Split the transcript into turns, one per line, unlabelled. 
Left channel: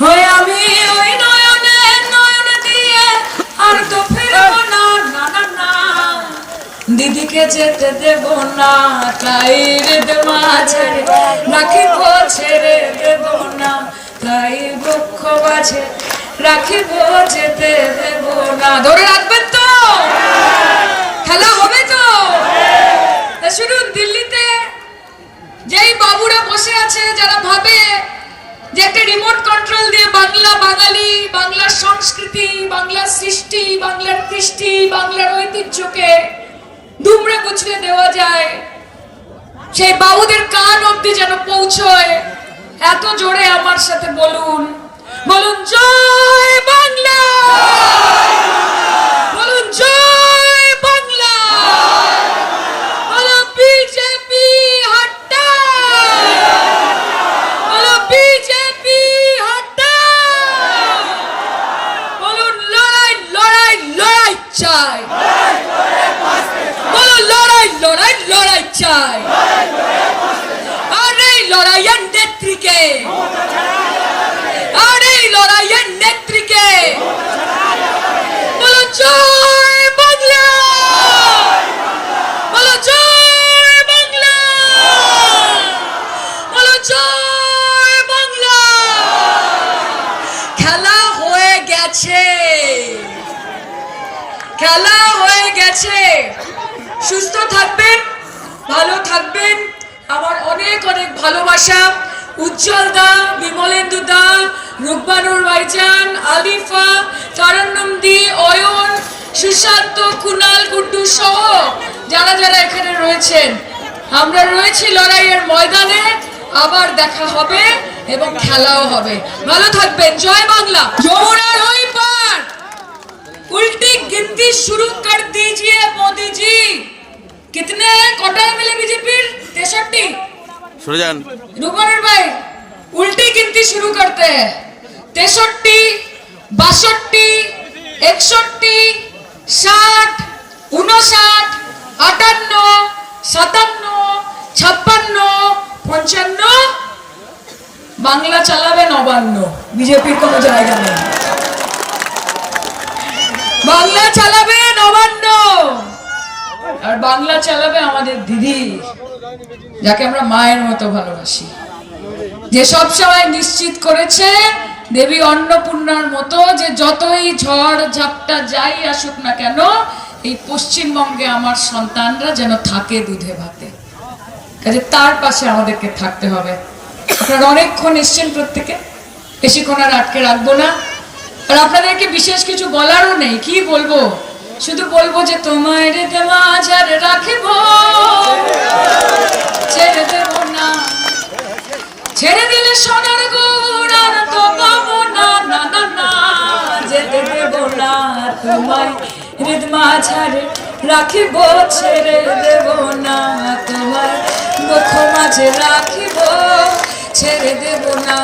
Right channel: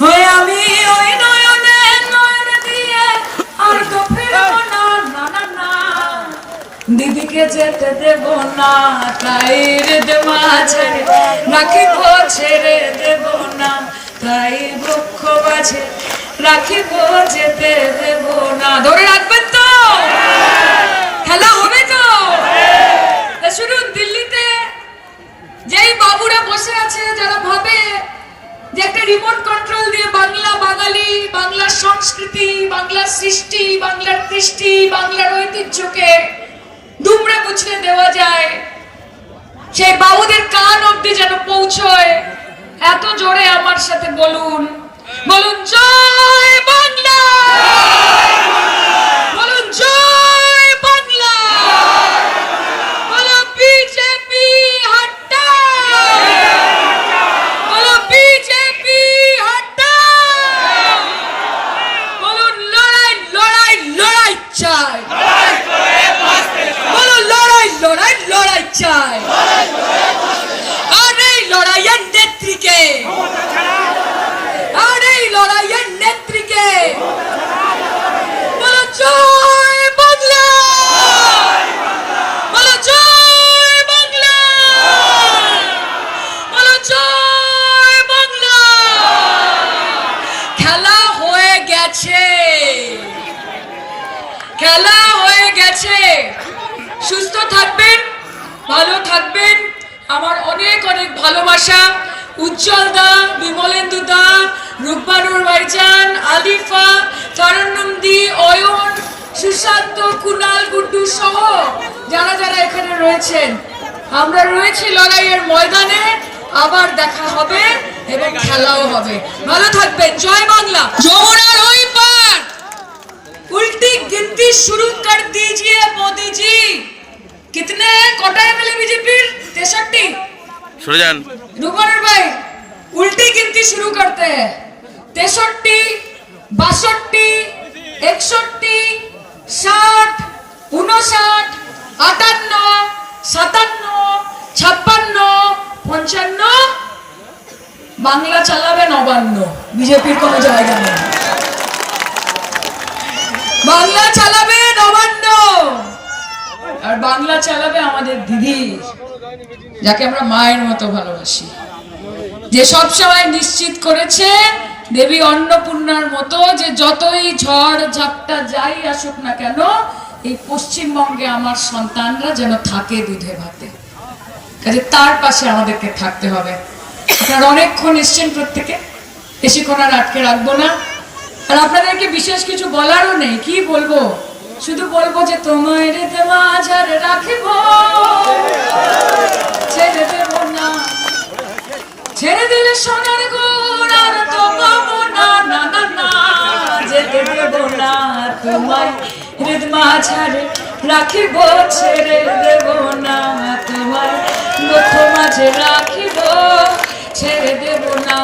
আমি ওই দিদিকে যেতে দেব না তাই হৃদ মাঝে নাকি ছেড়ে দেব না, তাই বক্ষ মাঝে রাখিব, যেতে দেব না। ধরে রাখবেন তো খেলা হবে তো শুনুন দিল্লিতে যেই বাবুরা বসে আছে যারা ভাবে যে একটা রিমোট কন্ট্রোল দিয়ে বাংলা বাঙালি বাংলার সংস্কৃতি বাংলার সৃষ্টি, বাংলার কৃষ্টি, বাংলার ঐতিহ্যকে দুমড়ে গুছিয়ে দেওয়া যায়। সেই বাবুদের কান অব্দি যেন পৌঁছয়, এত জোরে আমার সাথে বলুন বলুন, জয়! চাই। লড়াই লড়াই লড়াই চাই। আর এই লড়াইয়ের নেত্রীকে। উজ্জ্বল দা বিমলেন্দু দা রূপবানুর ভাইজান আলিফা তারানন্দি অয়ন সুশান্ত কুনাল গুড্ডু সহ যারা যারা এখানে রয়েছেন আমরা রয়েছি লড়াইয়ের ময়দানে আবার দেখা হবে এবং খেলাও হবে ভালো থাকবেন জয় বাংলা যমুনার ওই পার उल्टी गिनती शुरू कर दीजिए मोदी जी कितने हैं कोटा है मिले बीजेपी तिरसठी
সরে যান
रुकमन भाई उल्टी गिनती शुरू करते हैं तिरसठी बासठी একষট্টি ষাট উনষাট আটান্ন সাতান্ন ছাপ্পান্ন পঞ্চান্ন বাংলা চালাবে নবান্ন বিজেপির কোনো জায়গা নেই বাংলা চালাবে নবান্ন আর বাংলা চালাবে আমাদের দিদি যাকে আমরা মায়ের মতো ভালোবাসি যে সব সময় নিশ্চিত করেছে দেবী অন্নপূর্ণার মতো যে যতই ঝড় ঝাপটা যাই আসুক না কেন, এই পশ্চিমবঙ্গে আমার সন্তানরা যেন থাকে দুধে ভাতে। কাজে তার পাশে আমাদেরকে থাকতে হবে। আপনারা অনেকক্ষণ এসছেন প্রত্যেকে। বেশিক্ষণ আর আটকে রাখব না। আর আপনাদেরকে বিশেষ কিছু বলারও নেই। কি বলব? শুধু বলব যে তোমার দেওয়া রাখিব ছেড়ে দেব না ছেড়ে দিলে সোনার গুড় তো পাবো না না না না, যেতে দেব না তোমায়। হৃদ মাঝারে রাখিব, ছেড়ে দেব না তোমার দুঃখ মাঝে রাখিব, ছেড়ে দেব না।